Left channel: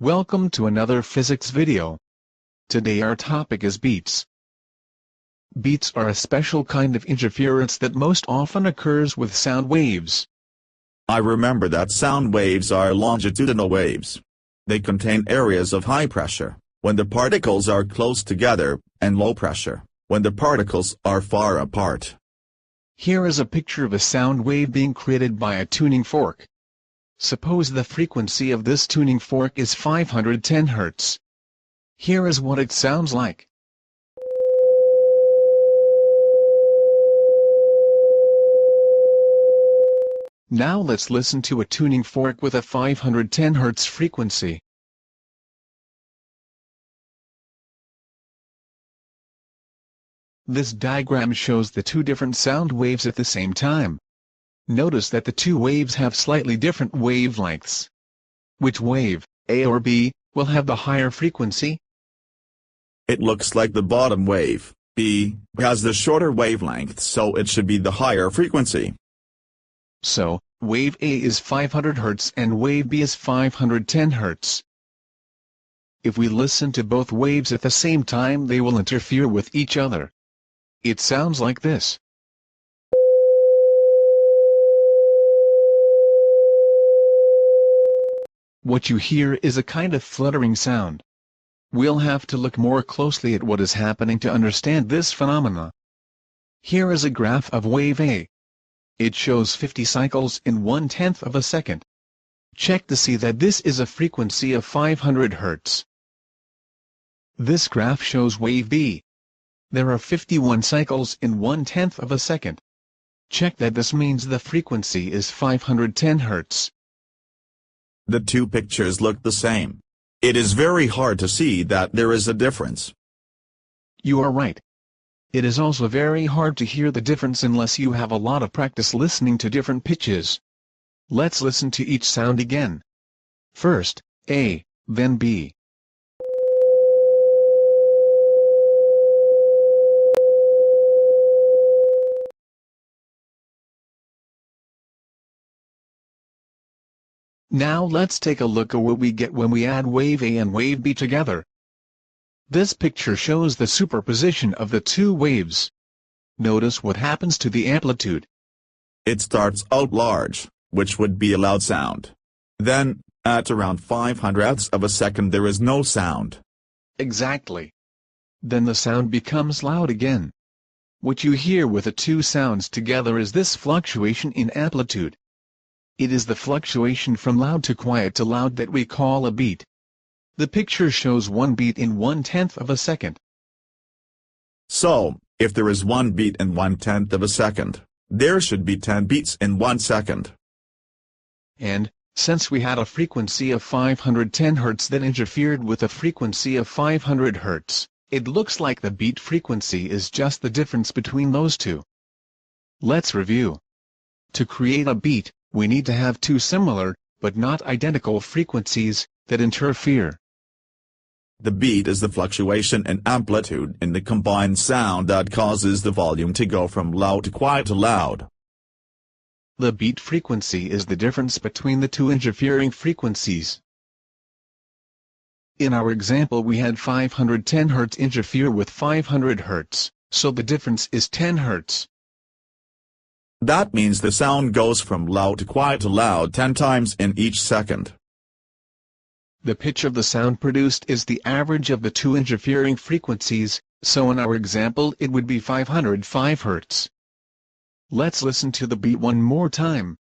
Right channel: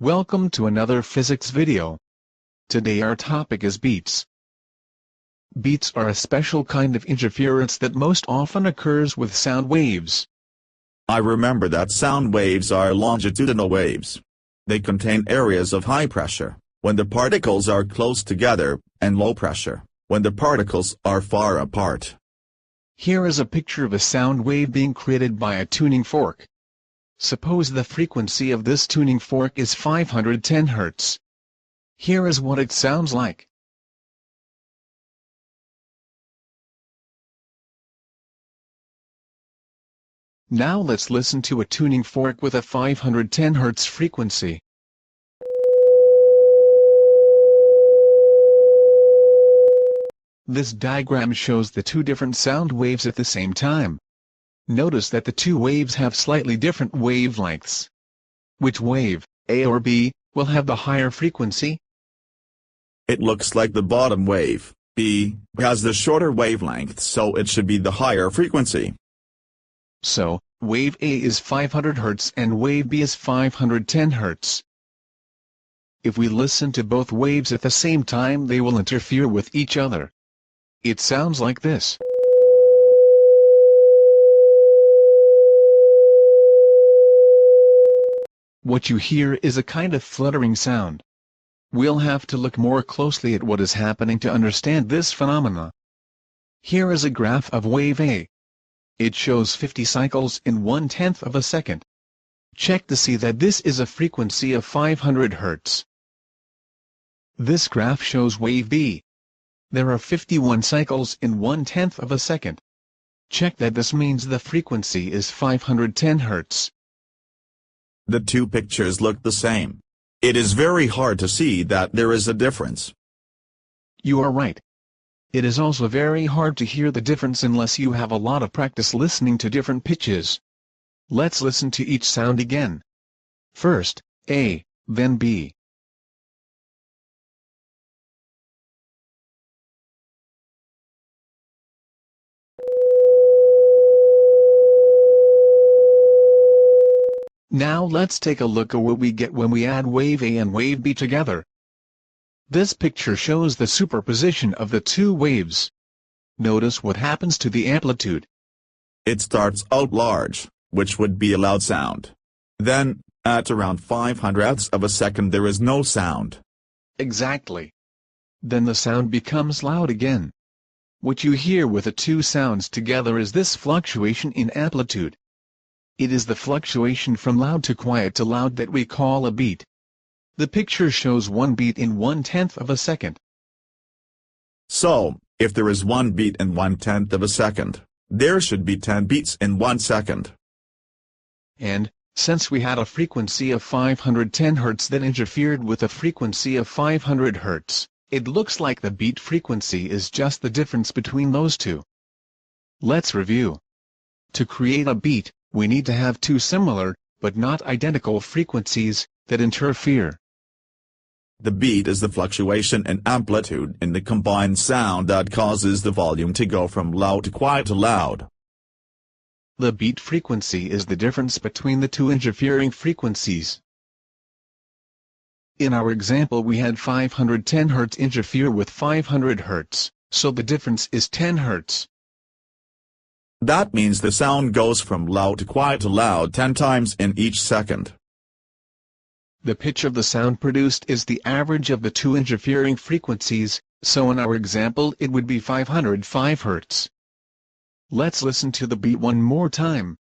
Welcome to another physics video. Today our topic is beats. Beats are a special kind of interference that most often occurs with sound waves. I remember that sound waves are longitudinal waves. They contain areas of high pressure, when the particles are close together, and low pressure, when the particles are far apart. Here is a picture of a sound wave being created by a tuning fork. Suppose the frequency of this tuning fork is 510 Hz. Here is what it sounds like. Now let's listen to a tuning fork with a 510 Hz frequency. This diagram shows the two different sound waves at the same time. Notice that the two waves have slightly different wavelengths. Which wave, A or B, will have the higher frequency? It looks like the bottom wave, B, has the shorter wavelength, so it should be the higher frequency. So, wave A is 500 Hz and wave B is 510 Hz. If we listen to both waves at the same time, they will interfere with each other. It sounds like this. What you hear is a kind of fluttering sound. We'll have to look more closely at what is happening to understand this phenomena. Here is a graph of wave A. It shows 50 cycles in 1/10 of a second. Check to see that this is a frequency of 500 Hz. This graph shows wave B. There are 51 cycles in 1/10 of a second. Check that this means the frequency is 510 Hz. The two pictures look the same. It is very hard to see that there is a difference. You are right. It is also very hard to hear the difference unless you have a lot of practice listening to different pitches. Let's listen to each sound again. First, A, then B. Now let's take a look at what we get when we add wave A and wave B together. This picture shows the superposition of the two waves. Notice what happens to the amplitude. It starts out large, which would be a loud sound. Then, at around 500ths of a second there is no sound. Exactly. Then the sound becomes loud again. What you hear with the two sounds together is this fluctuation in amplitude. It is the fluctuation from loud to quiet to loud that we call a beat. The picture shows one beat in 1/10 of a second. So, if there is one beat in 1/10 of a second, there should be 10 beats in 1 second. And, since we had a frequency of 510 Hz that interfered with a frequency of 500 Hz, it looks like the beat frequency is just the difference between those two. Let's review. To create a beat, we need to have two similar, but not identical frequencies, that interfere. The beat is the fluctuation in amplitude in the combined sound that causes the volume to go from loud to quiet to loud. The beat frequency is the difference between the two interfering frequencies. In our example we had 510 Hz interfere with 500 Hz, so the difference is 10 Hz. That means the sound goes from loud to quiet to loud 10 times in each second. The pitch of the sound produced is the average of the two interfering frequencies, so in our example it would be 505 Hz. Let's listen to the beat one more time.